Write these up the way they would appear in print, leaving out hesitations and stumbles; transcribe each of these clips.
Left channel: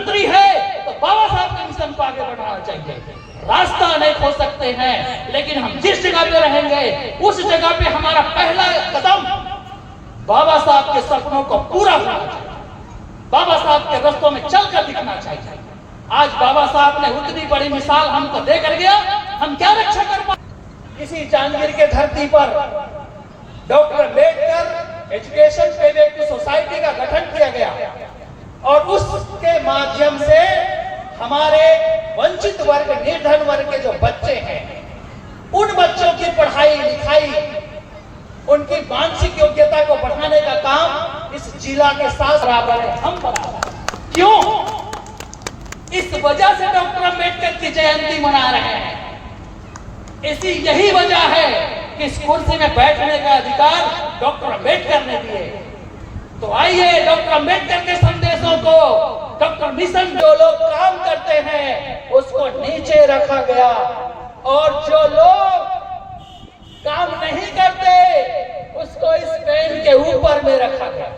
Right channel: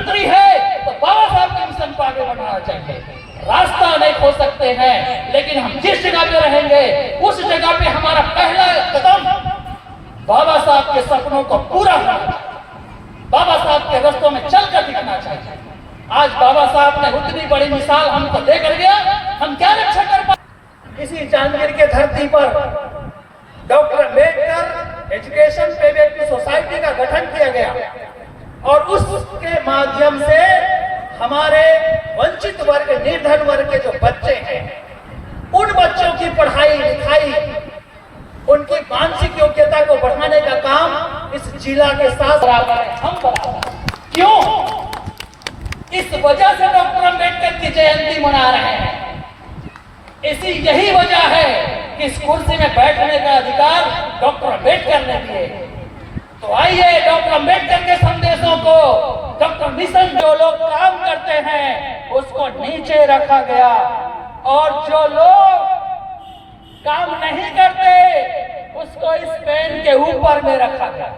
मंत्री है तो बाबा साहब के मिशन को आगे बढ़ाना चाहिए। रास्ता नहीं खो सकते हैं, लेकिन हम जिस जगह पे रहेंगे उस जगह पे हमारा पहला कदम बाबा साहब के सपनों को पूरा करना चाहिए, बाबा साहब के रास्तों में चलकर दिखना चाहिए। आज बाबा साहब ने उतनी बड़ी मिसाल हमको देकर गया, हम क्या रक्षा कर पाए। इसी जांजगीर के धरती पर डॉक्टर अम्बेडकर एजुकेशन पेबैक की सोसाइटी का गठन किया गया और उसके माध्यम से हमारे वंचित वर्ग, निर्धन वर्ग के जो बच्चे हैं, उन बच्चों की पढ़ाई लिखाई, उनकी मानसिक योग्यता को बढ़ाने का काम इस जिला के साथ बराबर है, हम बराबर। क्यों? इस वजह से डॉक्टर अम्बेडकर की जयंती मना रहे हैं। यही वजह है कि इस कुर्सी में बैठने का अधिकार डॉक्टर अम्बेडकर ने दिए। तो आइए डॉक्टर अम्बेडकर के संदेशों को, डॉक्टर मिशन, जो लोग काम करते हैं उसको नीचे रखा गया और जो लोग काम नहीं करते उसको इस पेन के ऊपर में रखा गया।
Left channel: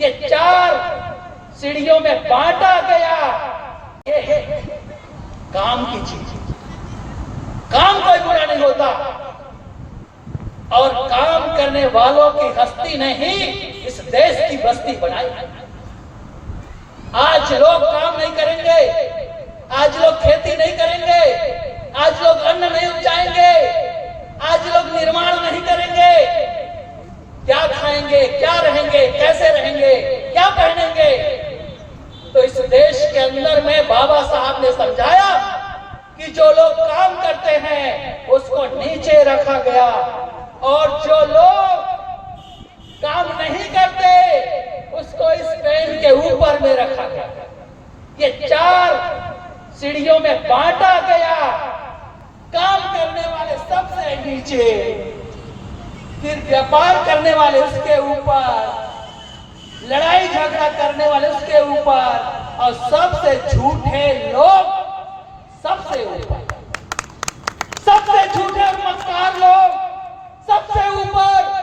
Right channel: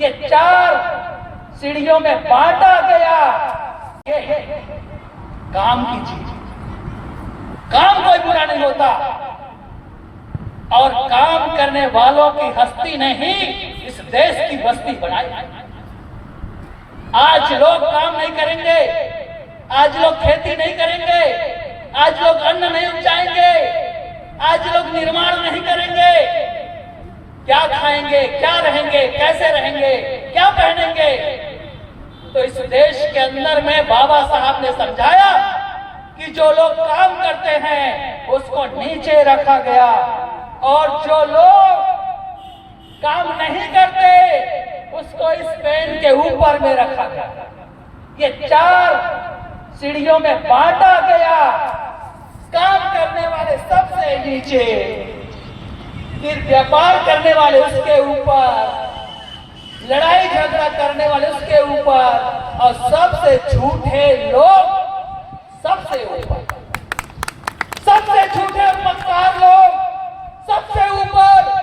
ये 4 सीढ़ियों में बांटा गया। ये काम की चीज, काम कोई बुरा नहीं होता और काम करने वालों की हस्ती ने ही इस देश की बस्ती बनाई। आज लोग काम नहीं करेंगे, आज लोग खेती नहीं करेंगे, आज लोग अन्न नहीं उपजाएंगे, आज लोग निर्माण नहीं करेंगे। क्या खाएंगे, क्या रहेंगे, कैसे रहेंगे, क्या पहनेंगे? तो इस देश के अंदर में बाबा साहब ने समझाया कि जो लोग काम करते हैं उसको नीचे रखा गया और जो लोग काम नहीं करते उसको इस पेन के ऊपर में रखा गया। ये 4 सीढ़ियों में बांटा गया। काम करने वाले सबसे नीचे, फिर व्यापार करने वाले उसके ऊपर, लड़ाई झगड़ा करने वाले उसके ऊपर और सबसे झूठे लोग सबसे ऊपर, सबसे झूठे और मक्कार लोग सबसे ऊपर।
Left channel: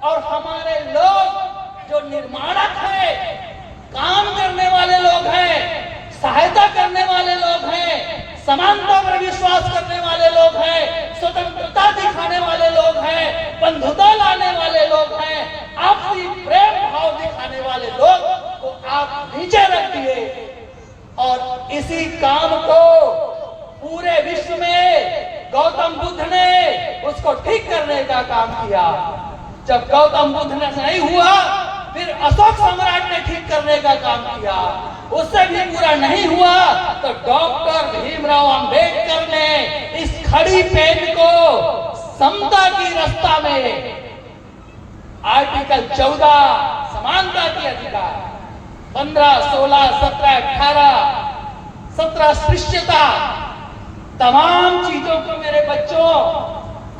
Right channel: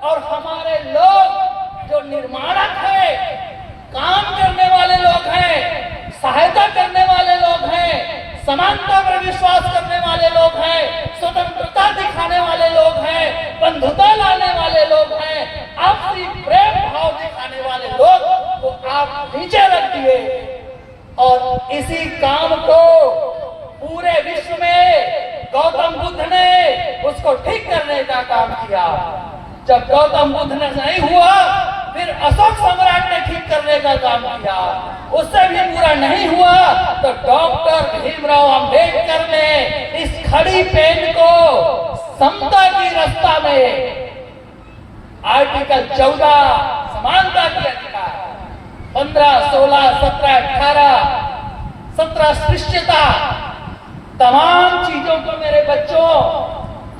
और हमारे लोग जो निर्माणक है, काम करने वाले लोग हैं, सहायता करने वाले लोग हैं, समानता पर विश्वास करने वाले लोग हैं, स्वतंत्रता दिखाने वाले लोग हैं, बंधुता लाने वाले लोग हैं, आपसी प्रेम भाव दिखाने वाले लोग को आप नीचे रख दिए। और इसी काम को पूरे विश्व में गौतम बुद्ध ने उसको ठीक करने का काम किया। जब गौतम बुद्ध ने नहीं हुआ, फिर अशोक सम्राट ने ठीक करने का काम किया। उससे भी पूरा नहीं हुआ तो डॉक्टर भीमराव अंबेडकर ने इस खड़ी पेन को समता की रास्ता में आर्टिकल 14 समानता की अधिकार, 15, 16, 17, 18, 17 स्पृश्यता, तमाम चीजों को मेरे बच्चों,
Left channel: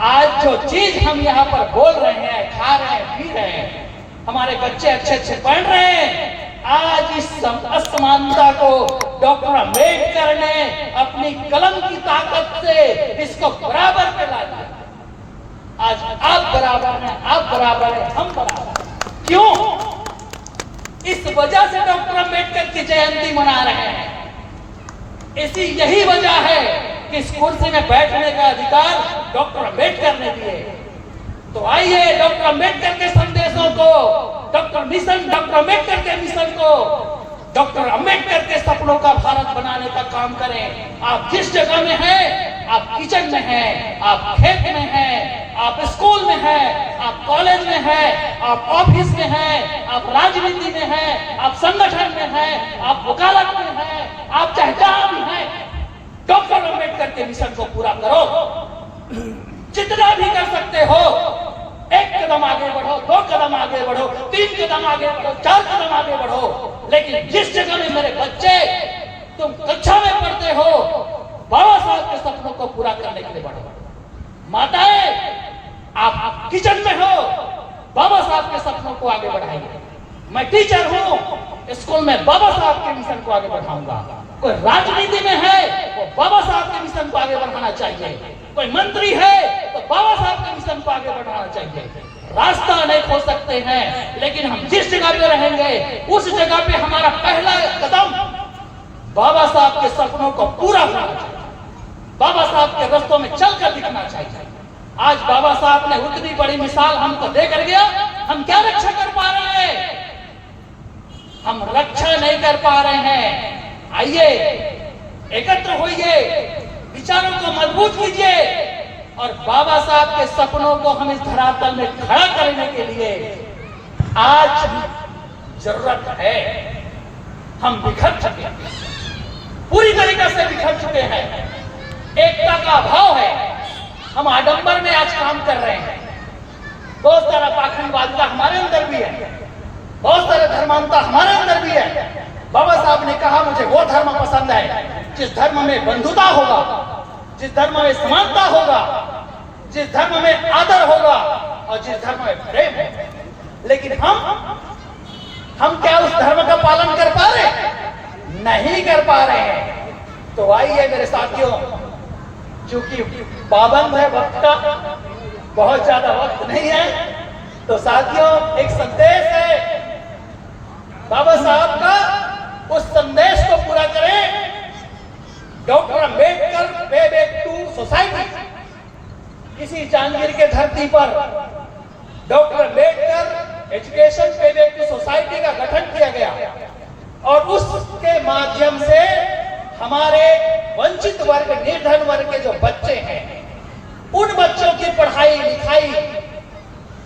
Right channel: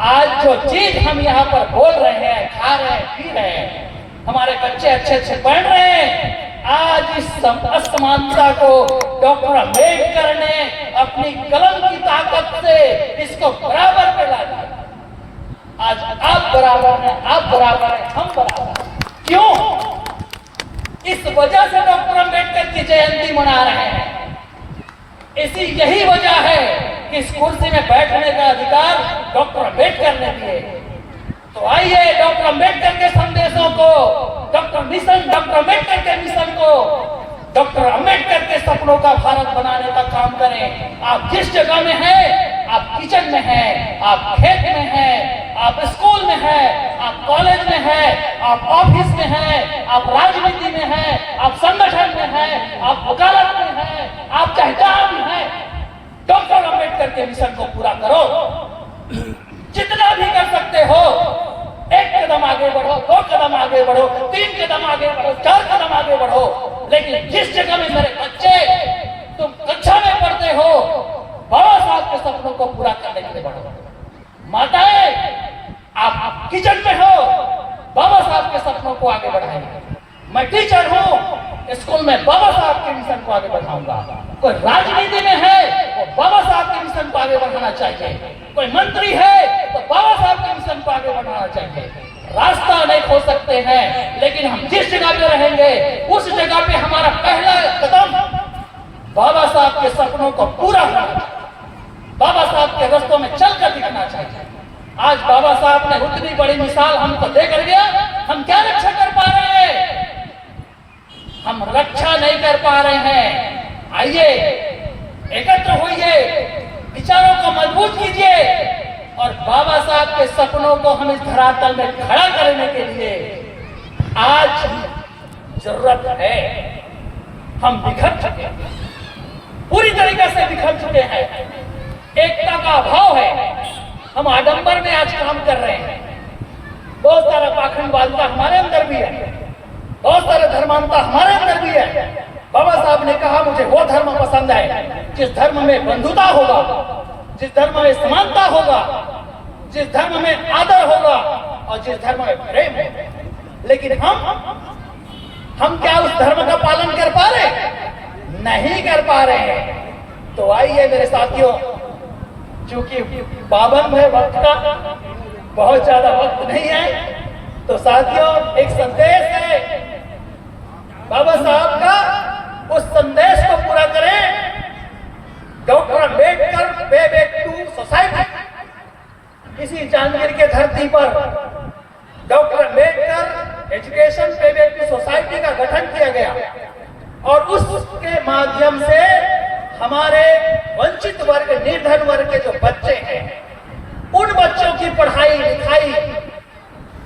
आज जो चीज हम यहाँ पर बोल रहे हैं, खा रहे हैं, पी रहे हैं, हमारे बच्चे अच्छे पढ़ रहे हैं, आज इस असमानता को डॉक्टर अम्बेडकर ने अपनी कलम की ताकत से इसको बराबर पे ला दिया। आज आप बराबर हैं, आप बराबर हैं, हम बराबर हैं। क्यों? इस वजह से डॉक्टर अम्बेडकर की जयंती मना रहे हैं। यही वजह है कि इस कुर्सी में बैठने का अधिकार डॉक्टर अम्बेडकर ने दिए। तो आइए डॉक्टर अम्बेडकर के संदेशों को, डॉक्टर अम्बेडकर के मिशन को, डॉक्टर अम्बेडकर के सपनों का भारत बनाने का काम करें। आप जिस जगह में हैं, आप किचन में हैं, आप खेत में हैं, आप स्कूल में हैं, आप कॉलेज में हैं, आप ऑफिस में हैं, आप राजनीति में हैं, आप संगठन में हैं, आप वकालत में हैं, आप चाहे जहां भी हैं, डॉक्टर अम्बेडकर के मिशन को पूरा करो। जितना भी कर सकते हो, 1 कदम आगे बढ़ो, 2 कदम आगे बढ़ो, 3 कदम आगे बढ़ो, 4 कदम आगे बढ़ो। लेकिन जिस जगह में मेरे बच्चे, तुम कक्षा में पढ़ते हो, बाबा साहब के सपनों को पूरा करने के लिए बढ़ो। माताएं, आप किचन में हो, बाबा साहब के सपनों को आगे बढ़ाएंगे। मैं टीचर हूं, स्कूल में बाबा साहब के मिशन को आगे बढ़ाऊंगा। कोई राजनीति में है, वो बाबा साहब के मिशन को आगे बढ़ाना चाहिए। कोई मंत्री है तो बाबा साहब के मिशन को आगे बढ़ाना चाहिए। रास्ता नहीं खो सकते हैं, लेकिन हम जिस जगह पे रहेंगे उस जगह पे हमारा पहला कदम बाबा साहब के सपनों को पूरा करना चाहिए, बाबा साहब के रास्तों में चलकर दिखना चाहिए। आज बाबा साहब ने उतनी बड़ी मिसाल हमको देकर गया, हम क्या रक्षा कर पा रहे हैं? हम रक्षा नहीं कर पा रहे हैं। आइए एकत्र होइए, विचारों को मजबूत कीजिए और बाबा साहब के सपनों को हम इस धरातल में खड़ा करने के लिए आज जरूरत है। हम बिखर चुके हैं, पूरी तरीके से बिखर चुके हैं, एकता का अभाव है। हम आडंबर में आज काम कर रहे हैं। बहुत सारा पाखंडवादिता हमारे अंदर भी है, बहुत सारे धर्मांता हमारे अंदर भी है। बाबा साहब ने कहा मुझे वो धर्म पसंद है जिस धर्म में बंधुता होगा, जिस धर्म में समानता होगा, जिस धर्म में आदर होगा और जिस धर्म में प्रेम है। लेकिन हम क्या उस धर्म का पालन कर पा रहे? नहीं कर पा रहे हैं। तो आइए मेरे साथियों, चूंकि पाबंद है वक्त का, बहुत ज्यादा वक्त नहीं है, तो साथियों एक संदेश है बाबा साहब का, उस संदेश को पूरा करें। डॉक्टर अम्बेडकर पे बैक टू सोसाइटी, इसी जांजगीर के धरती पर डॉक्टर अम्बेडकर एजुकेशन पे बैक टू सोसाइटी का गठन किया गया और उसके माध्यम से हमारे वंचित वर्ग, निर्धन वर्ग के जो बच्चे हैं, उन बच्चों की पढ़ाई लिखाई,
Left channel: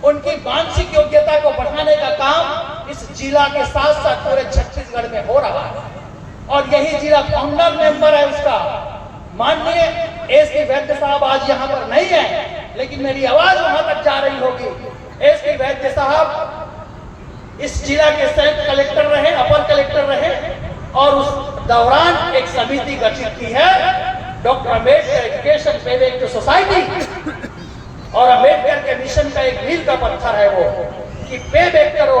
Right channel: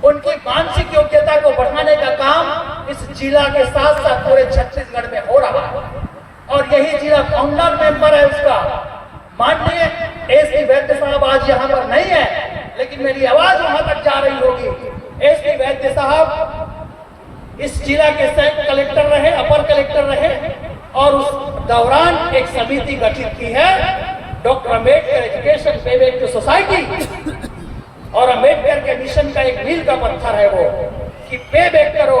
उनकी मानसिक योग्यता को बढ़ाने का काम इस जिला के साथ साथ पूरे छत्तीसगढ़ में हो रहा है। और यही जिला फाउंडर मेंबर है उसका। माननीय एसपी वैद्य साहब आज यहाँ पर नहीं है, लेकिन मेरी आवाज वहां तक जा रही होगी। एसपी वैद्य साहब इस जिला के संयुक्त कलेक्टर रहे, अपर कलेक्टर रहे और उस दौरान एक समिति गठित की है डॉक्टर अम्बेडकर एजुकेशन पे बैक टू सोसाइटी। और अम्बेडकर के मिशन का एक मील का पत्थर है वो कि पे बैक करो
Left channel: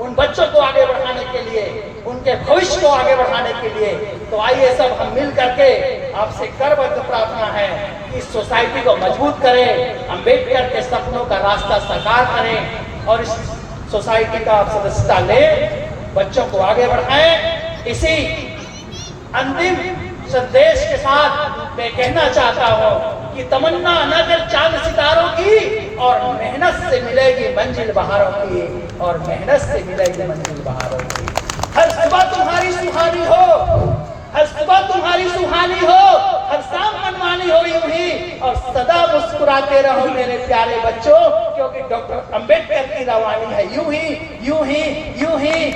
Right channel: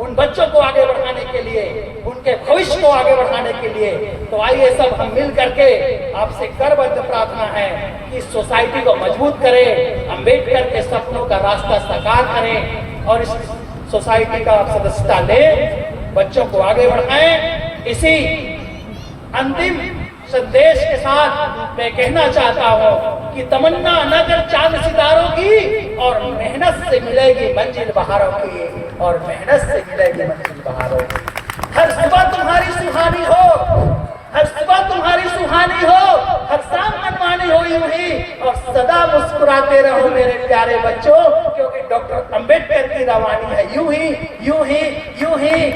उन बच्चों को आगे बढ़ाने के लिए, उनके भविष्य को आगे बढ़ाने के लिए। तो आइए सब हम मिल करके आपसे करबद्ध प्रार्थना है कि इस सोसाइटी को मजबूत करें, अम्बेडकर के सपनों का रास्ता साकार करें और इस सोसाइटी का आप सदस्यता लें, बच्चों को आगे बढ़ाएं। इसी अंतिम संदेश के साथ मैं कहना चाहता हूँ कि तमन्ना न कर चांद सितारों की, और मेहनत से मिलेगी मंजिल बहारों की, और मेहनत से मिलेगी मंजिल बहारों की। हर सुबह तुम्हारी सुहानी हो, हर सुबह तुम्हारी सुहानी हो, हर शाम मनमानी हो यूं ही, और सदा मुस्कुराते रहो मेरे प्यारे बच्चों, क्योंकि डॉक्टर अम्बेडकर की रवानी है यूं ही, यूं ही, यूं ही।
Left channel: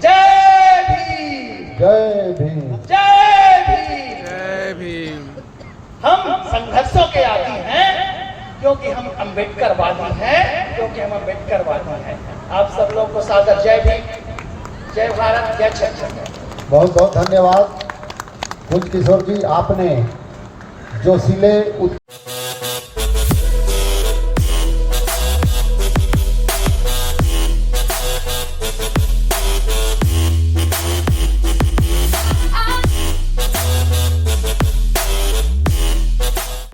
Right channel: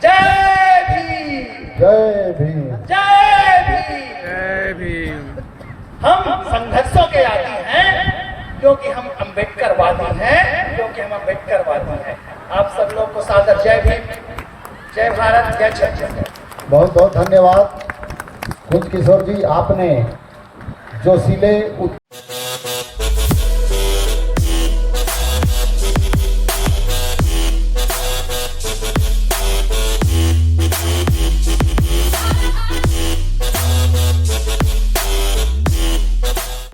जय भीम, जय भीम, जय भीम, जय भीम। हम संघर्षों के आदी हैं क्योंकि हम अम्बेडकरवादी हैं, क्योंकि हम अम्बेडकरवादी हैं। आप सब लोग को सादर जय भीम, जय भारत, जय छत्तीसगढ़। बहुत बहुत धन्यवाद। कुंज किशोर जी, आपने जो सिले